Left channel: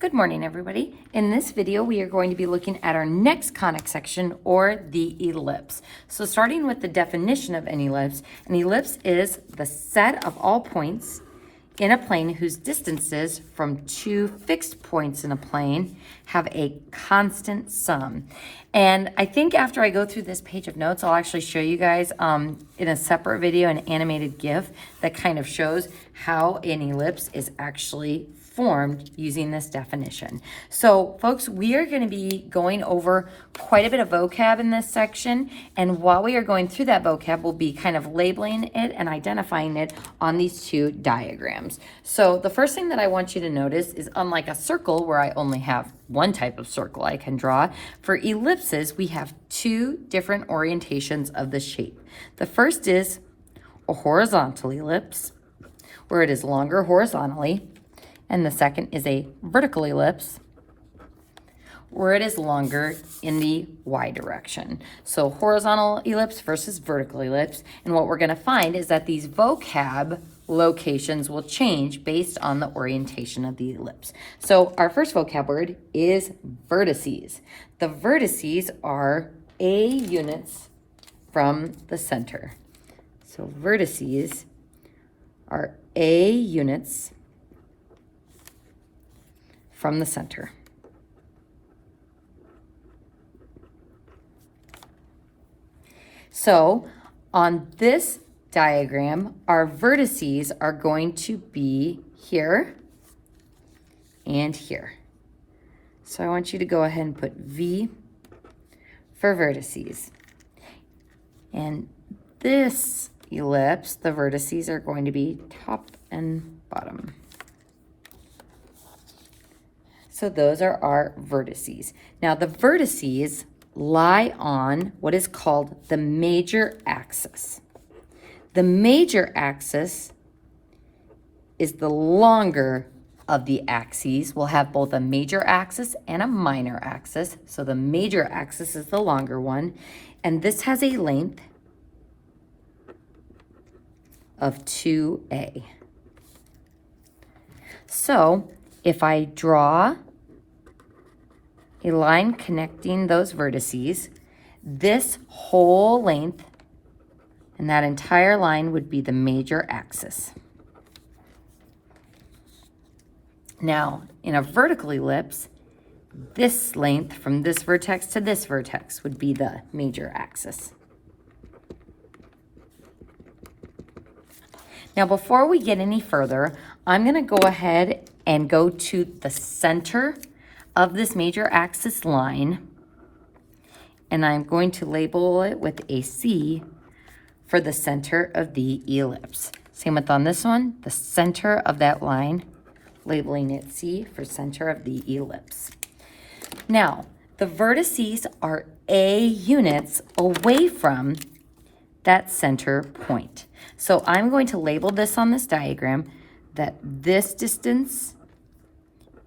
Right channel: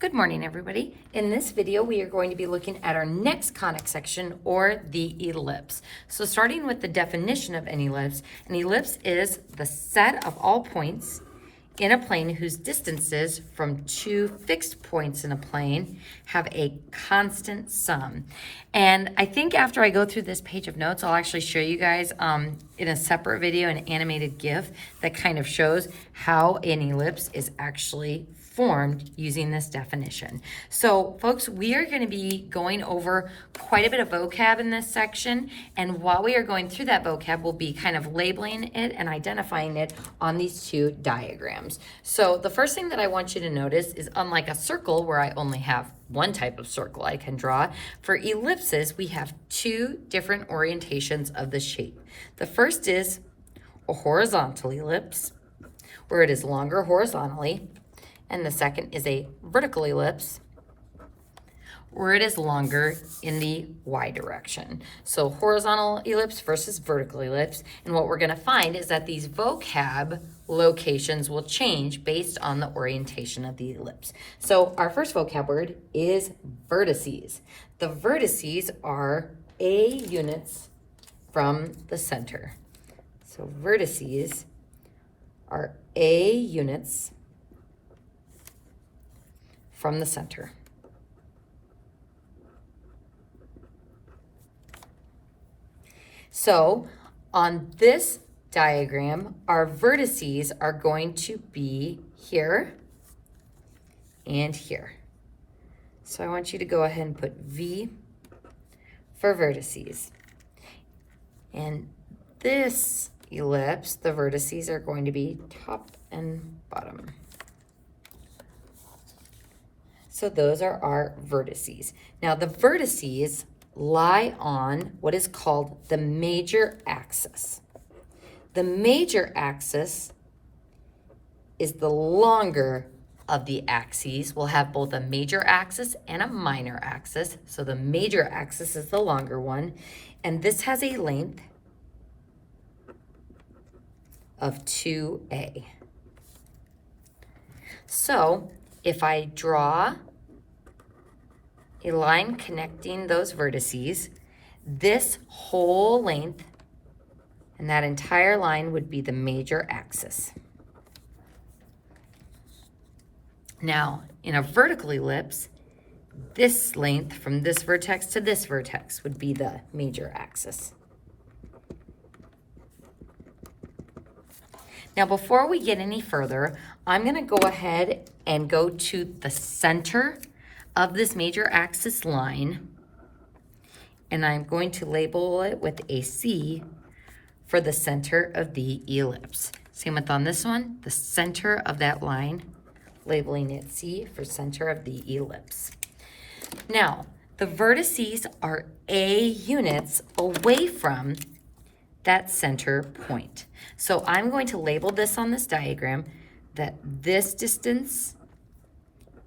Good morning, everybody. In this video, we are going to be looking at our next conic section, or the ellipse. So starting with the definition of an ellipse is the set of all points in a plane whose distances from two fixed points in a plane have a constant sum. And I think after I go through this page of notes, I'll actually show you guys in a separate video an animated GIF that kind of shows how an ellipse is actually formed using this definition. So folks, we are going to be going over quite a bit of vocab in this section, and while we are going through that vocab, we'll be kind of labeling it and identifying it on these two diagrams. So the first thing that I want you to notice is, unlike a circle where I only have one type of circle I can draw, for ellipses we have two different orientations of the shape. The first is a horizontal ellipse, where it is longer horizontally, and the second is a vertical ellipse, where it is longer in the y direction. So horizontal ellipse versus vertical ellipse. And what we're going to find is that these vocab locations will change based on the orientation of the ellipse. So our first vocab word is vertices. The vertices are A units from the center. So vertices are A units from the center. So on this diagram, our vertices are going to be here and here. So I want you to go ahead and put V for vertices. And this ellipse, the vertices are going to be top and bottom. So those are our vertices. Now the vertices lie on what is called the major axis. The major axis is the longer of the axes. We'll have both a major axis and a minor axis. So the major axis is the longer one, and this has a length of 2a. So if I draw a line connecting those vertices, this whole length and that entire line would be the major axis. Now, in a vertical ellipse, this length from this vertex to this vertex would be the major axis. Now, before we get any further, I'm going to go ahead and go to the center of this major axis line, and I'm going to label it with a C for the center of the ellipse. Same with on this one, the center of that line, labeling it C for center of the ellipse. Now, the vertices are A units away from that center point. So I'm going to label this on this diagram that this distance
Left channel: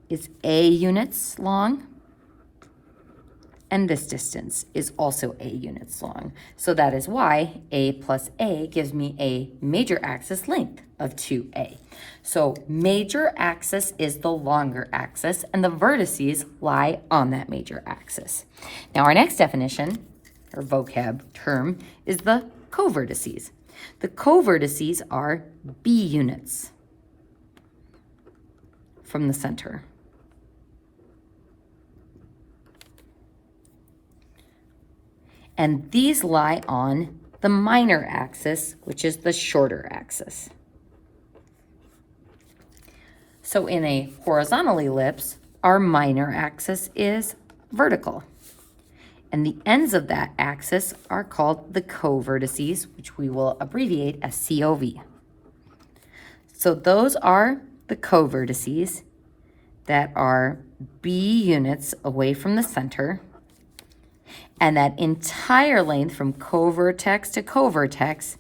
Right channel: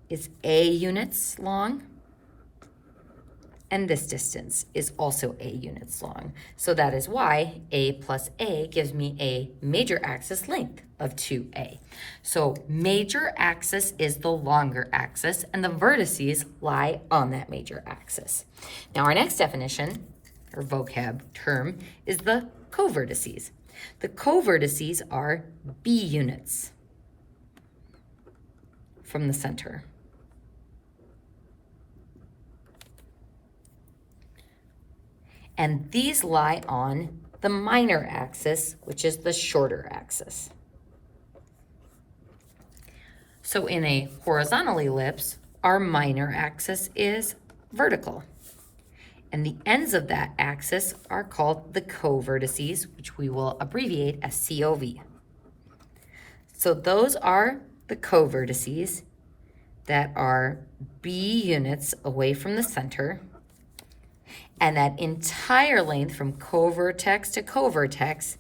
is A units long, and this distance is also A units long. So that is why A plus A gives me a major axis length of 2A. So major axis is the longer axis, and the vertices lie on that major axis. Now our next definition, or vocab term, is the covertices. The covertices are B units from the center. And these lie on the minor axis, which is the shorter axis. So in a horizontal ellipse, our minor axis is vertical. And the ends of that axis are called the covertices, which we will abbreviate as COV. So those are the covertices that are B units away from the center. And that entire length from covertex to covertex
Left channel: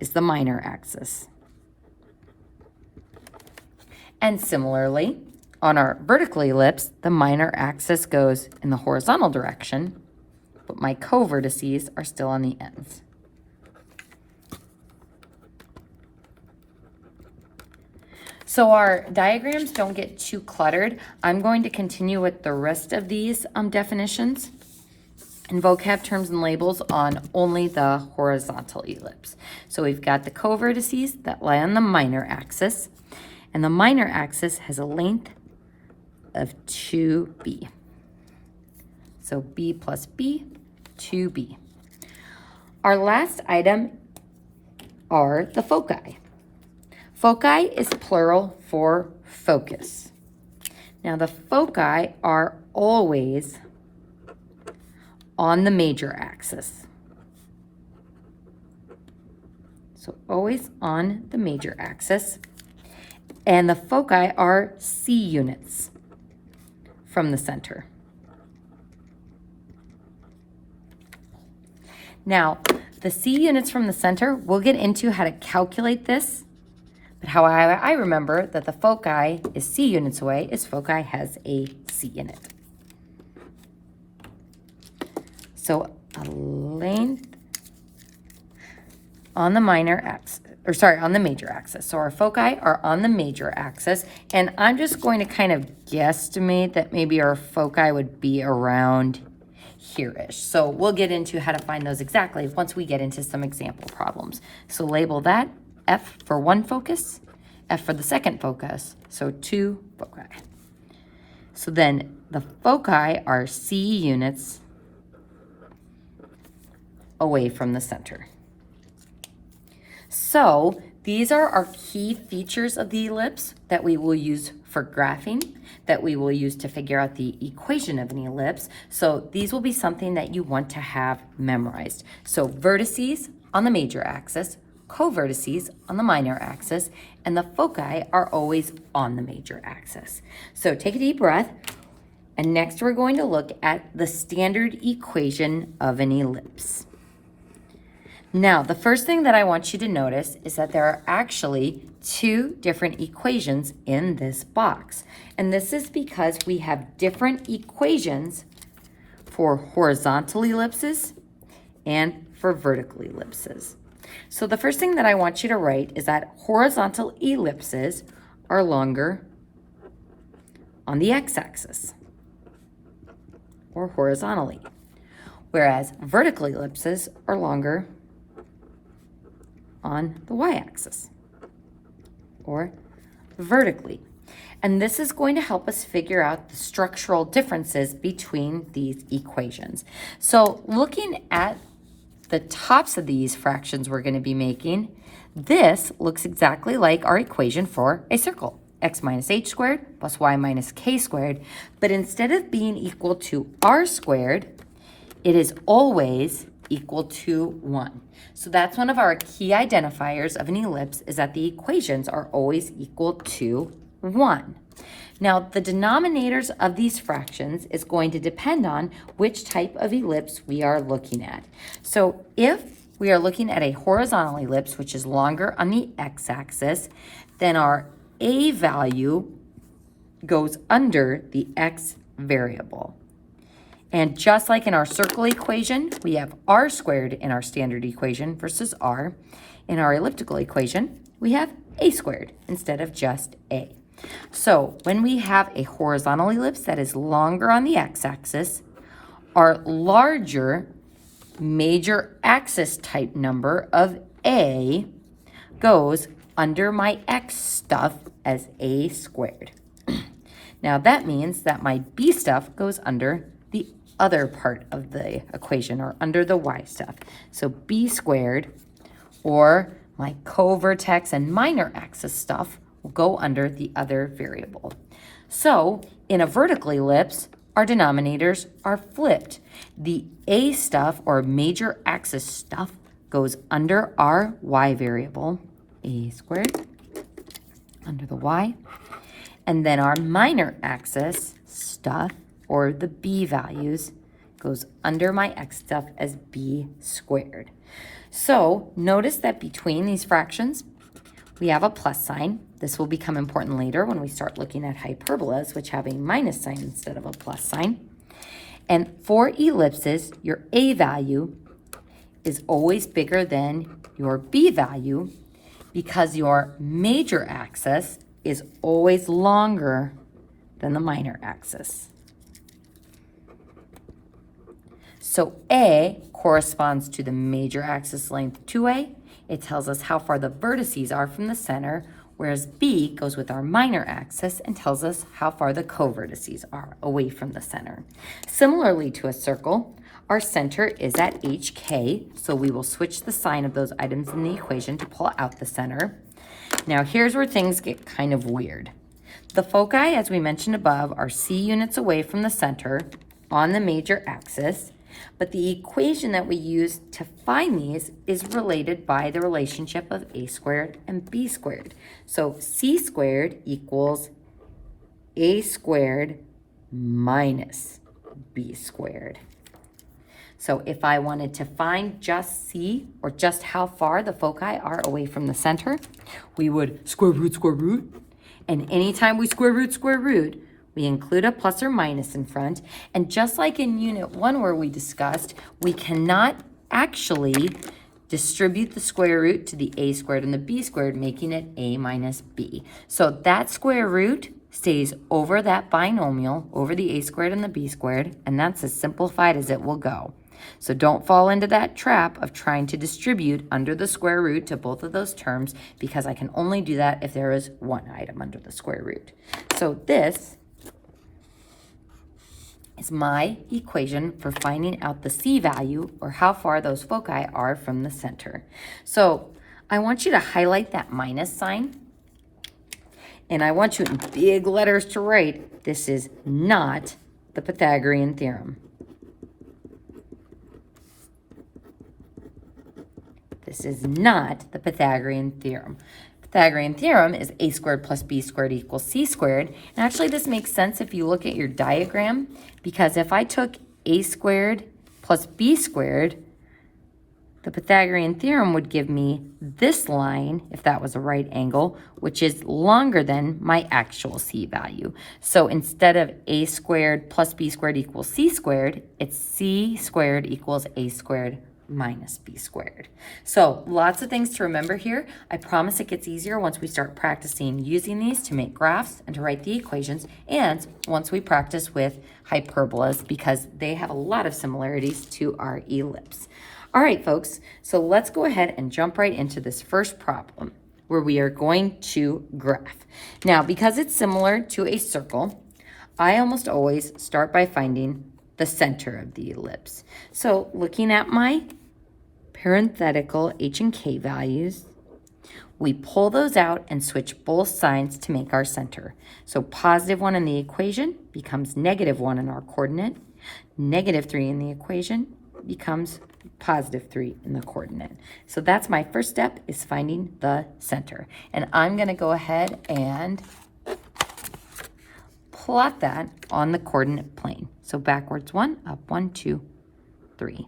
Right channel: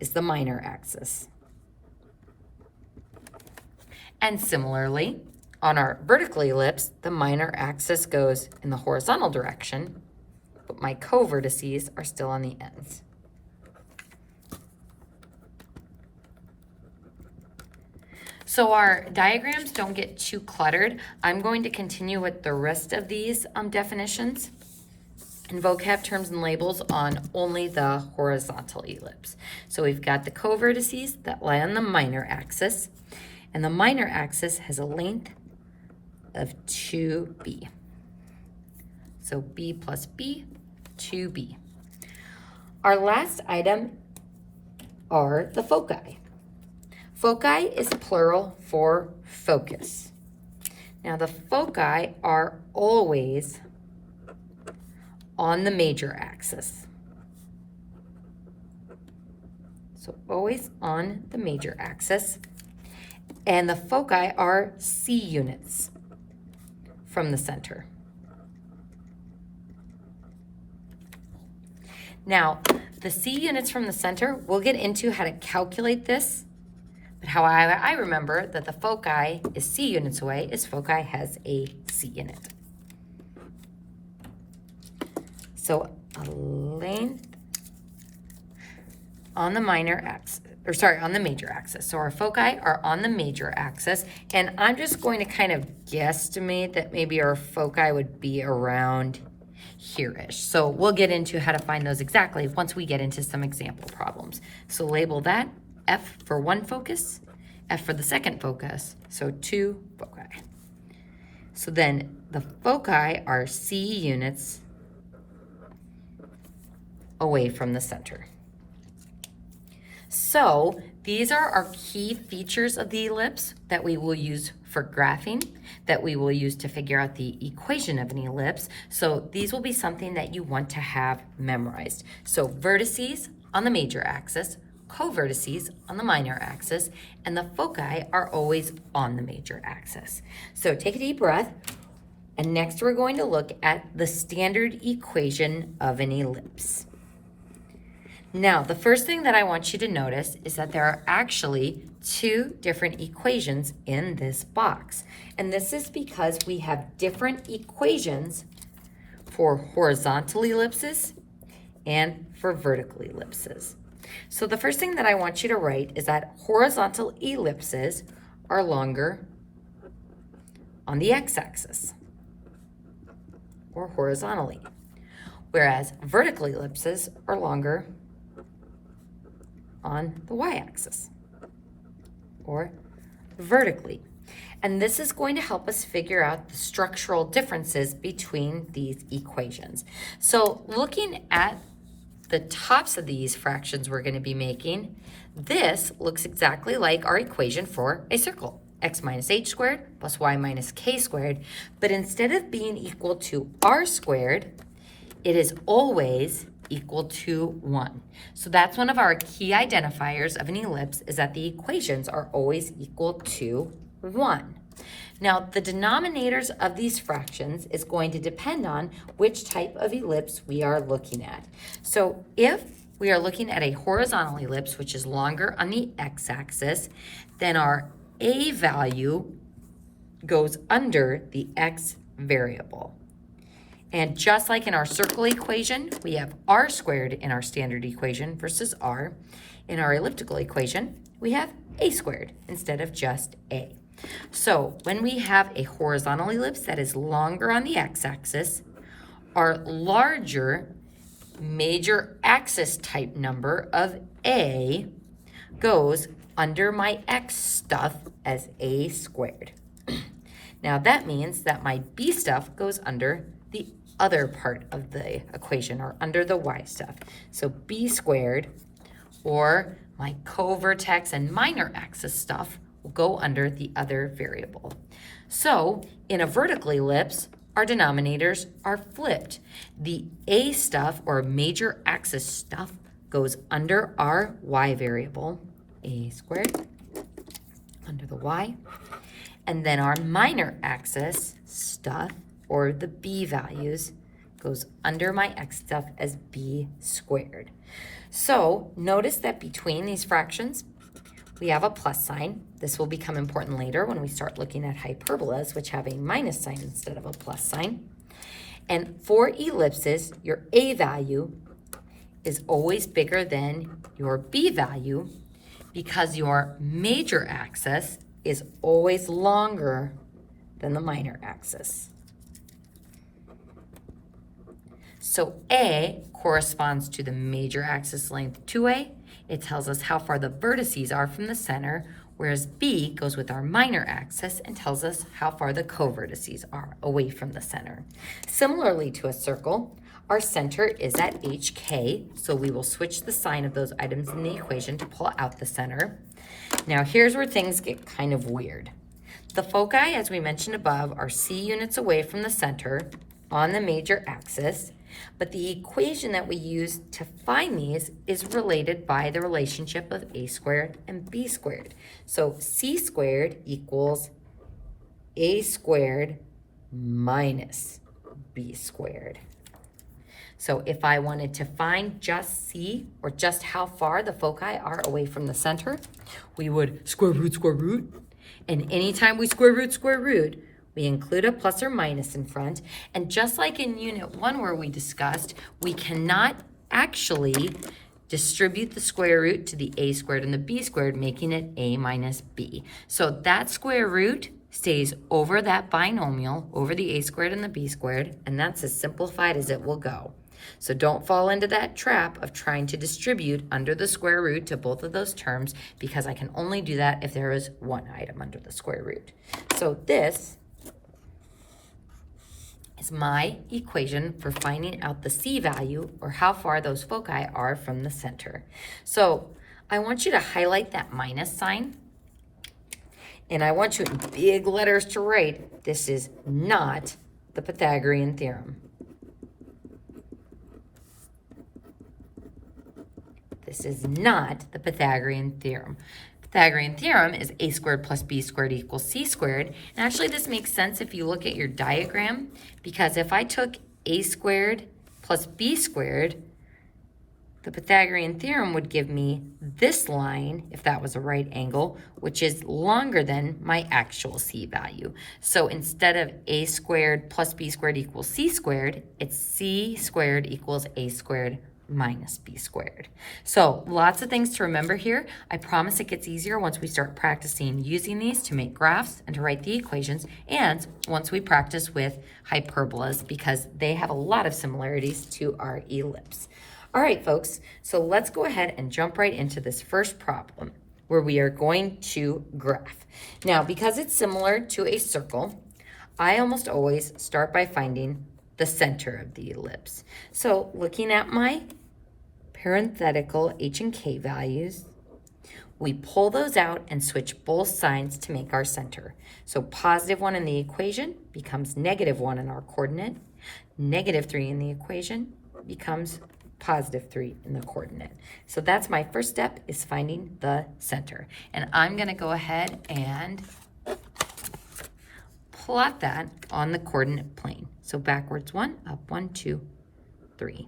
is the minor axis. And similarly, on our vertical ellipse, the minor axis goes in the horizontal direction, but my covertices are still on the ends. So our diagrams don't get too cluttered. I'm going to continue with the rest of these definitions and vocab terms and labels on only the horizontal ellipse. So we've got the co-vertices that lie on the minor axis, and the minor axis has a length of 2b. So b plus b, 2b. Our last item are the foci. Foci is plural for focus. Now the foci are always on the major axis. So always on the major axis. And the foci are C units from the center. Now, the C units from the center, we'll get into how to calculate this, but how I remember that the foci is C units away is foci has a C unit. So a length on the minor axis, or sorry, on the major axis. So our foci are on the major axis, and I'm just going to kind of guesstimate that maybe our foci would be around here-ish. So we'll get into how to find those exactly once we get into some example problems. So label that F for one focus, F for the second focus, so 2 foci. So then the foci are C units away from the center. So these are our key features of the ellipse that we will use for graphing, that we will use to figure out the equation of an ellipse. So these will be something that you want to have memorized. So vertices on the major axis, co-vertices on the minor axis, and the foci are always on the major axis. So take a deep breath, and next we're going to look at the standard equation of an ellipse. Now, the first thing that I want you to notice is that there are actually 2 different equations in this box. And this is because we have different equations for horizontal ellipses and for vertical ellipses. So the first thing that I want you to write is that horizontal ellipses are longer on the x-axis, or horizontally, whereas vertical ellipses are longer on the y-axis, or vertically. And this is going to help us figure out the structural differences between these equations. So looking at the tops of these fractions we're going to be making, this looks exactly like our equation for a circle. X minus h squared plus y minus k squared. But instead of being equal to r squared, it is always equal to 1. So that's one of our key identifiers of an ellipse, is that the equations are always equal to 1. Now, the denominators of these fractions is going to depend on which type of ellipse we are looking at. So if we are looking at a horizontal ellipse, which is longer on the x-axis, then our a value goes under the x variable. And just like in our circle equation, we have r squared in our standard equation versus r. In our elliptical equation, we have a squared instead of just a. So when we have a horizontal ellipse that is longer on the x-axis, our larger major axis type number of a goes under my x stuff as a squared. Now that means that my b stuff goes under the other part of the equation, or under the y stuff. So b squared, or my co-vertex and minor axis stuff, will go under the other variable. So in a vertical ellipse, our denominators are flipped. The a stuff, or major axis stuff, goes under our y variable, a squared, under the y. And then our minor axis stuff, or the b values, goes under my x stuff as b squared. So notice that between these fractions, we have a plus sign. This will become important later when we start looking at hyperbolas, which have a minus sign instead of a plus sign. And for ellipses, your a value is always bigger than your b value, because your major axis is always longer than the minor axis. So A corresponds to the major axis length 2A. It tells us how far the vertices are from the center, whereas B goes with our minor axis and tells us how far the co-vertices are away from the center. Similarly to a circle, our center is at HK, so we will switch the sign of those items in the equation to pull out the center. Now here's where things get kind of weird. The foci, as we mentioned above, are C units away from the center on the major axis, but the equation that we use to find these is related by the relationship of A squared and B squared. So C squared equals A squared minus B squared. So if I wanted to find just C, or just how far the foci are away from the center, we would square root. And anytime we square root, we include a plus or minus in front. And just like in Unit 1 where we discussed, we cannot actually distribute the square root to the A squared and the B squared, making it A minus B. So that square root stays over that binomial, over the A squared and the B squared, and that's as simplified as it will go. So don't fall into that trap of trying to distribute under the square root to both of those terms, because I can only do that if there is one item under the square root. So this is my equation for finding out the C value, or how far those foci are from the center. So I want you to highlight that minus sign, and I want you in big letters to write, this is not the Pythagorean theorem. This is not the Pythagorean theorem. Pythagorean theorem is A squared plus B squared equals C squared. And actually this makes sense if you look at your diagram, because if I took A squared plus B squared, the Pythagorean theorem would give me this line, if that was a right angle, which is longer than my actual C value. So instead of A squared plus B squared equals C squared, it's C squared equals A squared minus B squared. So lots of things to remember here. I promise it gets easier once we start practicing using these to make graphs and to write the equations, and once we practice with hyperbolas, because they have a lot of similarities to our ellipse. All right, folks, so let's go ahead and jump right into this first problem where we are going to graph. Now, because it's similar to a circle, I almost always start by finding the center of the ellipse. So looking at my parenthetical H and K values, we pull those out and switch both signs to make our center. So +1 in the equation becomes -1 in our coordinate. -3 in the equation becomes +3 in the coordinate. So that's my first step, is finding the center. And I'm gonna go ahead and plot that on the coordinate plane. So backwards 1, up 1, 2, 3.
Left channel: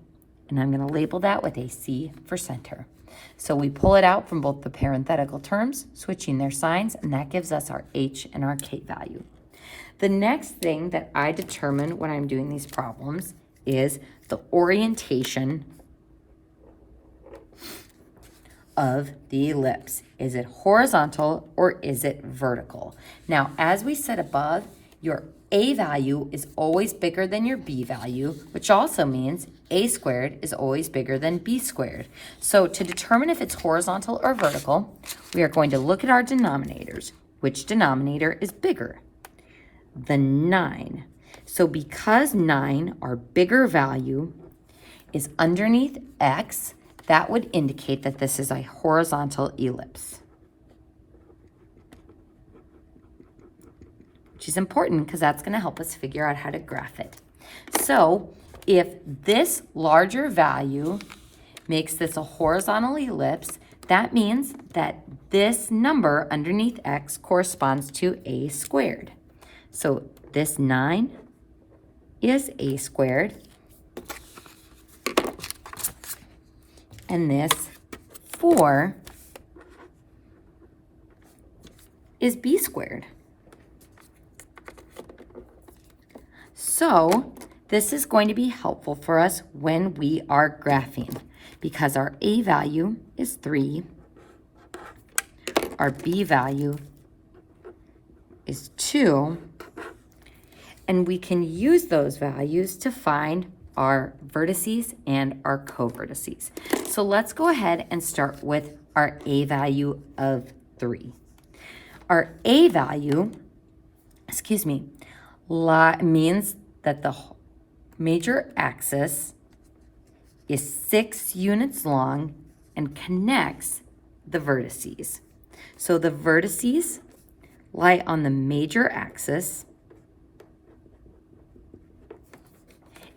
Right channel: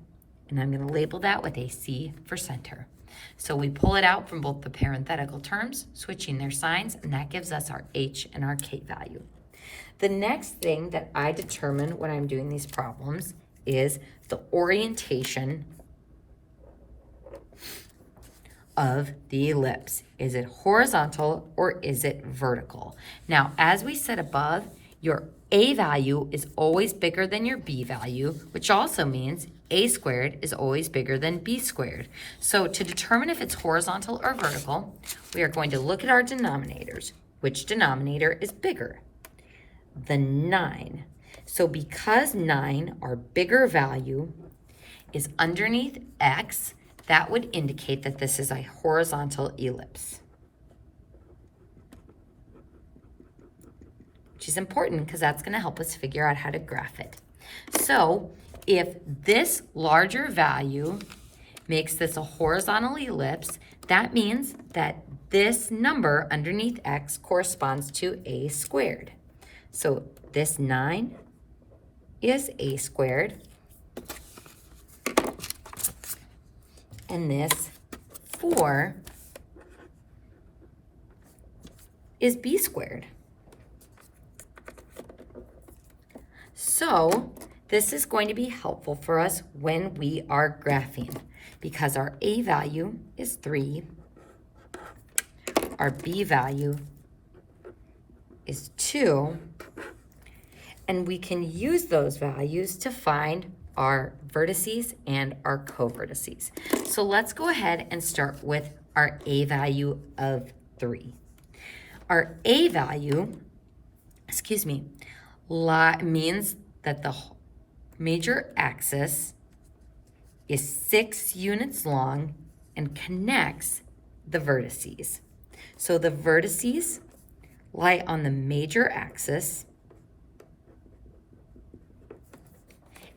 And I'm going to label that with a C for center. So we pull it out from both the parenthetical terms, switching their signs, and that gives us our H and our K value. The next thing that I determine when I'm doing these problems is the orientation of the ellipse. Is it horizontal or is it vertical? Now, as we said above, your A value is always bigger than your B value, which also means A squared is always bigger than B squared. So to determine if it's horizontal or vertical, we are going to look at our denominators. Which denominator is bigger? The 9. So because 9, our bigger value, is underneath X, that would indicate that this is a horizontal ellipse, which is important because that's going to help us figure out how to graph it. So if this larger value makes this a horizontal ellipse, that means that this number underneath X corresponds to A squared. So this 9 is A squared, and this 4 is B squared. So this is going to be helpful for us when we are graphing, because our A value is 3, our B value is 2. And we can use those values to find our vertices and our co-vertices. So let's go ahead and start with our A value of 3. Our A value, means that the major axis is 6 units long and connects the vertices. So the vertices lie on the major axis,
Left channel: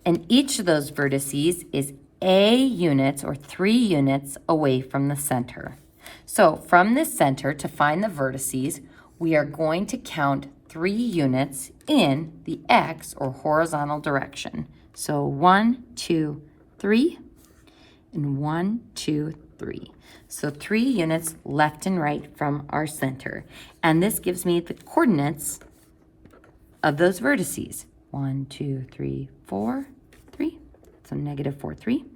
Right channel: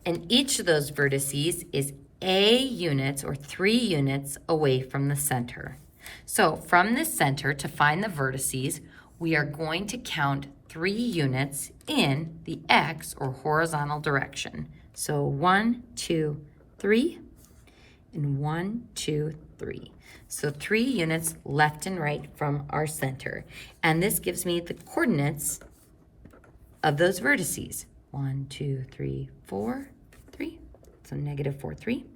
and each of those vertices is A units or 3 units away from the center. So from the center, to find the vertices, we are going to count 3 units in the X or horizontal direction. So 1, 2, 3, and 1, 2, 3. So 3 units left and right from our center. And this gives me the coordinates of those vertices. 1, 2, 3, 4, 3. So -4, 3.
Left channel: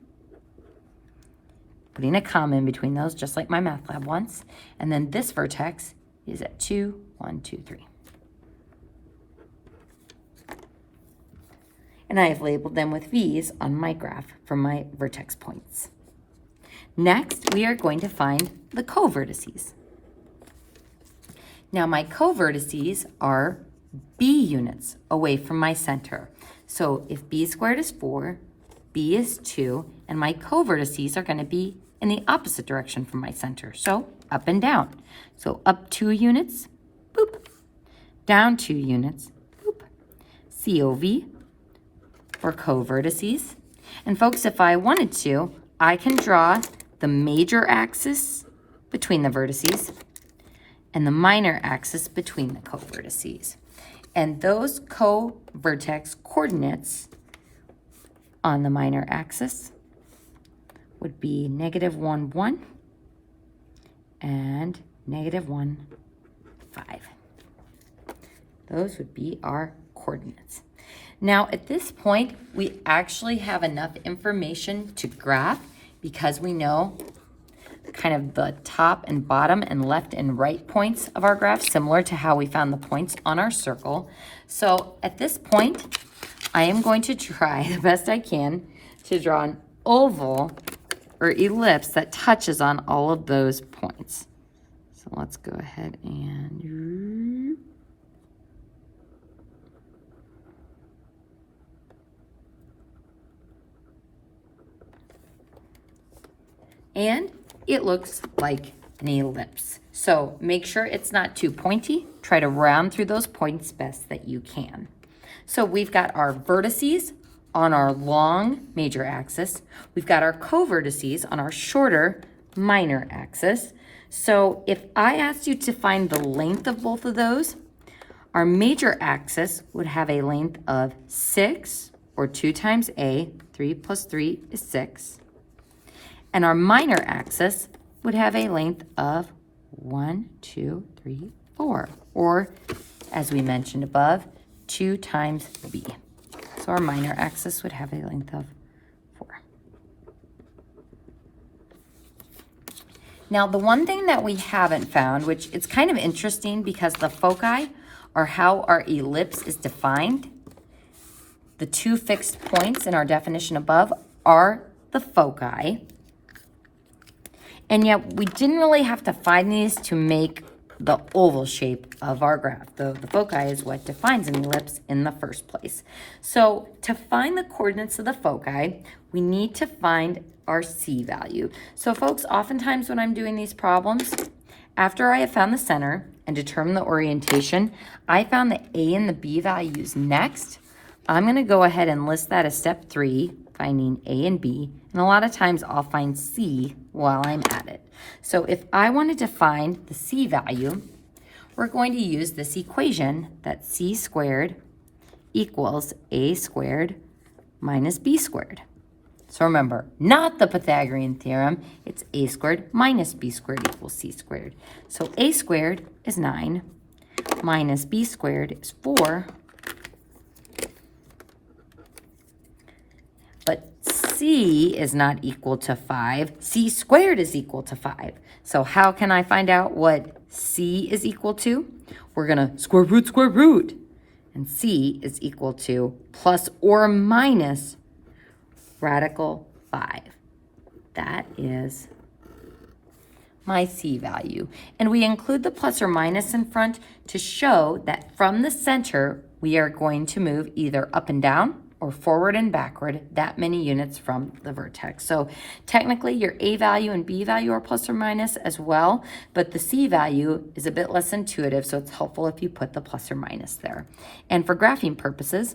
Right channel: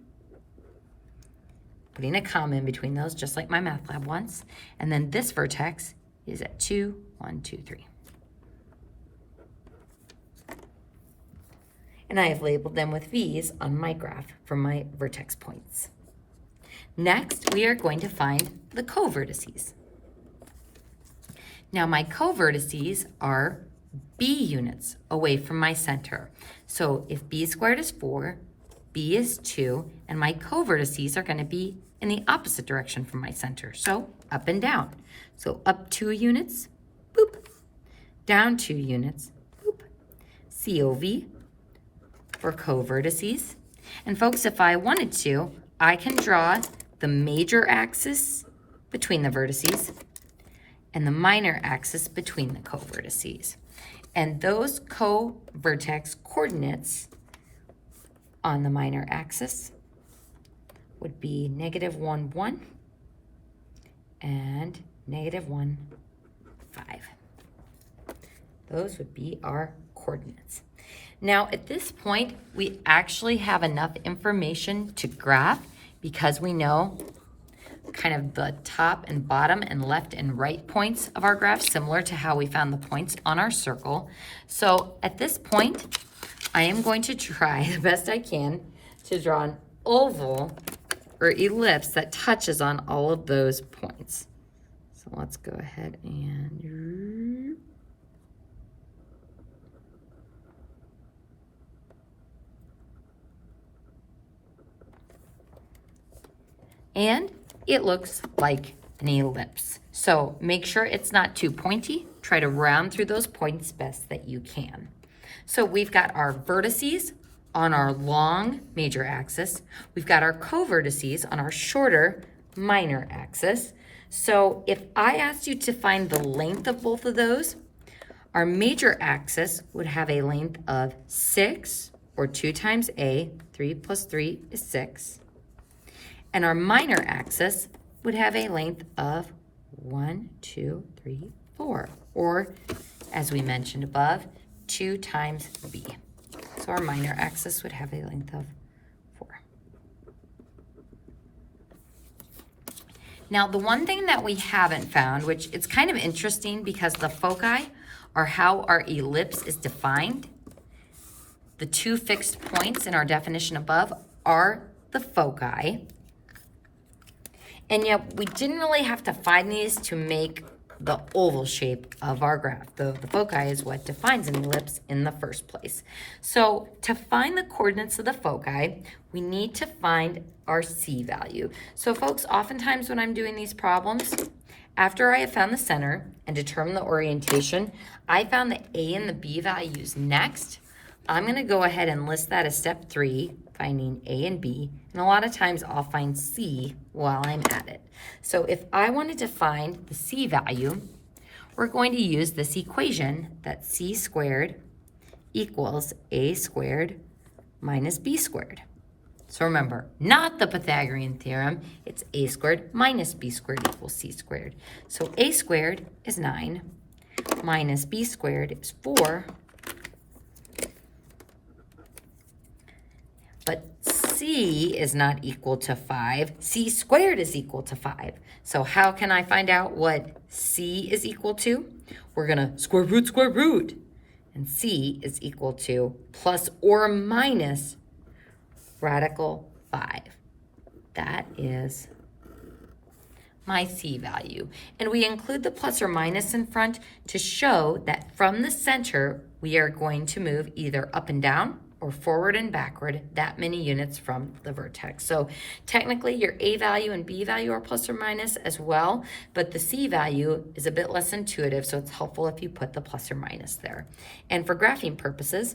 Putting a comma in between those, just like my math lab once. And then this vertex is at 2, 1, 2, 3. And I have labeled them with V's on my graph for my vertex points. Next, we are going to find the co-vertices. Now, my co-vertices are B units away from my center. So if B squared is 4, B is 2, and my co-vertices are going to be in the opposite direction from my center. So up and down. So up 2 units, boop. Down 2 units, boop. COV for co-vertices. And folks, if I wanted to, I can draw the major axis between the vertices and the minor axis between the co-vertices. And those co-vertex coordinates on the minor axis would be -1, 1 and -1, 5. Those would be our coordinates. Now, at this point, we actually have enough information to graph because we know kind of the top and bottom and left and right points of our graph, similar to how we found the points on our circle. So at this point, I am going to try the best I can to draw an oval or ellipse that touches on all of those points. So let's go ahead and it looks like an ellipse. So make sure it's not too pointy. Try to round through those points best that you can. So we've got our vertices on our long major axis. We've got our co-vertices on our shorter minor axis. So if I asked you to find the length of both of those, our major axis would have a length of 6, or 2 times A. 3 plus 3 is 6. And our minor axis would have a length of 1, 2, 3, 4, or as we mentioned above, 2 times B. So our minor axis would have a length of 4. Now, the one thing that we haven't found, which it's kind of interesting because the foci are how our ellipse is defined. The 2 fixed points in our definition above are the foci. And yet we didn't really have to find these to make the oval shape of our graph. The foci is what defines an ellipse in the first place. So to find the coordinates of the foci, we need to find our C value. So folks, oftentimes when I'm doing these problems, after I have found the center and determined the orientation, I found the A and the B values next. I'm going to go ahead and list that as step 3, finding A and B. And a lot of times I'll find C while I'm at it. So if I wanted to find the C value, we're going to use this equation that C squared equals A squared minus B squared. So remember, not the Pythagorean theorem, it's A squared minus B squared equals C squared. So A squared is 9 minus B squared is 4. But C is not equal to 5. C squared is equal to 5. So how can I find out what C is equal to? we're going to square root. And c is equal to plus or minus radical 5. That is my c value. And we include the plus or minus in front to show that from the center, we are going to move either up and down or forward and backward that many units from the vertex. So technically your a value and b value are plus or minus as well, but the c value is a bit less intuitive, so it's helpful if you put the plus or minus there. And for graphing purposes,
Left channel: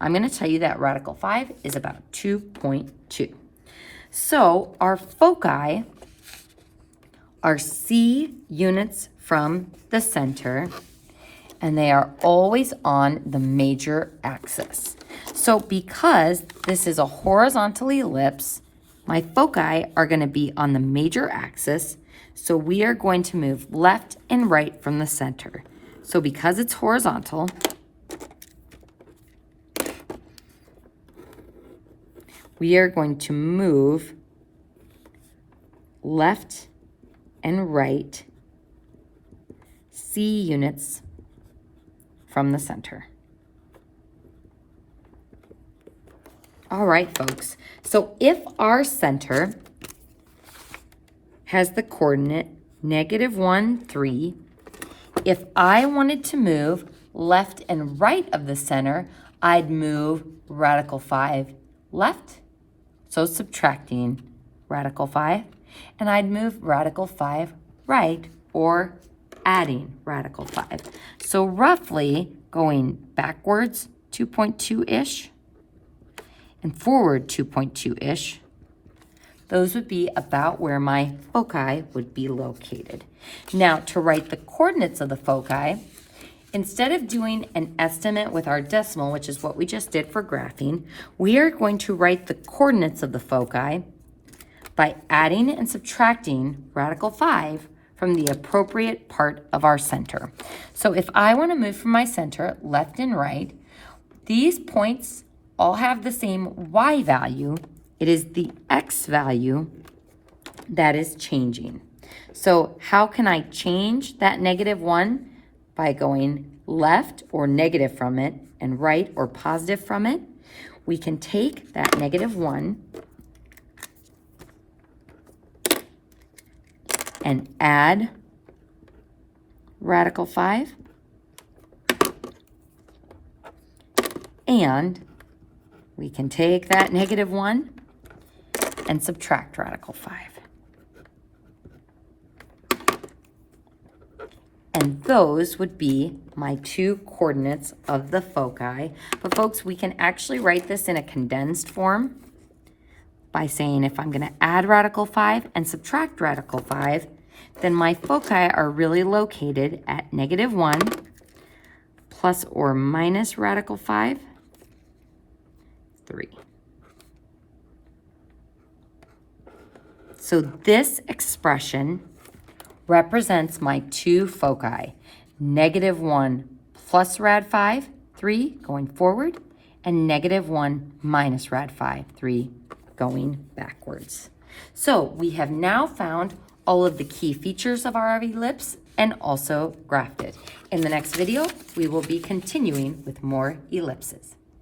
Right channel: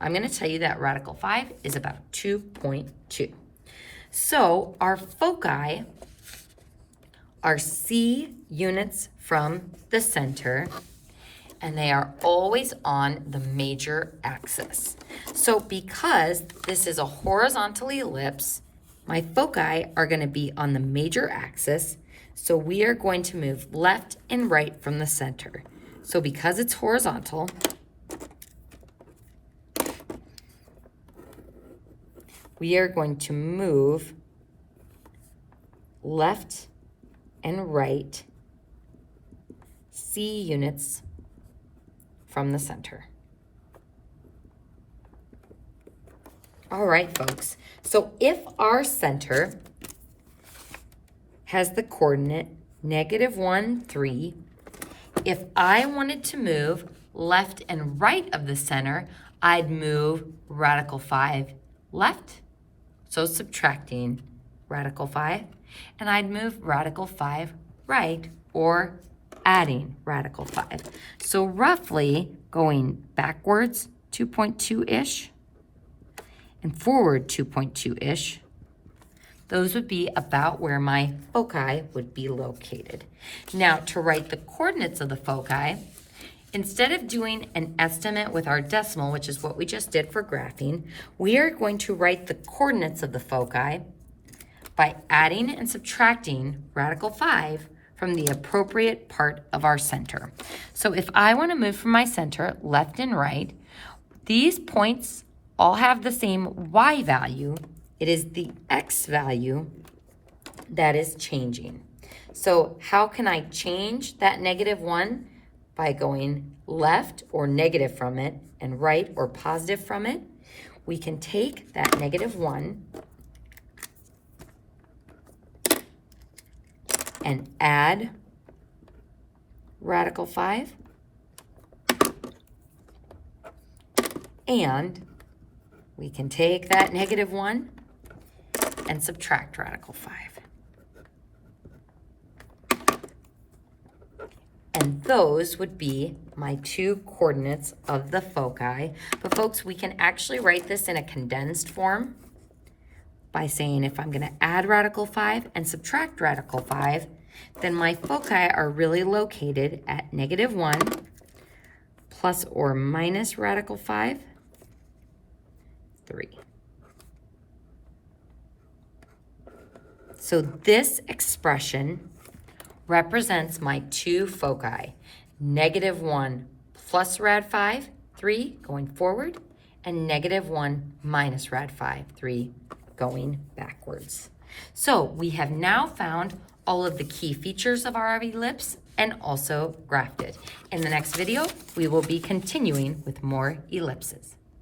I'm going to tell you that radical 5 is about 2.2. So our foci are c units from the center, and they are always on the major axis. So because this is a horizontal ellipse, my foci are going to be on the major axis, so we are going to move left and right from the center. So because it's horizontal, we are going to move left and right c units from the center. All right, folks. So if our center has the coordinate -1, 3, if I wanted to move left and right of the center, I'd move radical 5 left, so subtracting radical 5, and I'd move radical 5 right, or adding radical 5. So roughly going backwards 2.2-ish and forward 2.2-ish, those would be about where my foci would be located. Now, to write the coordinates of the foci, instead of doing an estimate with our decimal, which is what we just did for graphing, we are going to write the coordinates of the foci by adding and subtracting radical 5 from the appropriate part of our center. So if I want to move from my center left and right, these points all have the same y value. It is the x value that is changing. So how can I change that -1? By going left or negative from it and right or positive from it. We can take that -1 and add radical 5, and we can take that -1 and subtract radical 5. And those would be my two coordinates of the foci. But folks, we can actually write this in a condensed form by saying if I'm going to add radical 5 and subtract radical 5, then my foci are really located at -1 plus or minus radical 5, 3. So this expression represents my two foci, -1 plus rad 5, 3 going forward, and -1 minus rad 5, 3 going backwards. So we have now found all of the key features of our ellipse and also graphed it. In the next video, we will be continuing with more ellipses.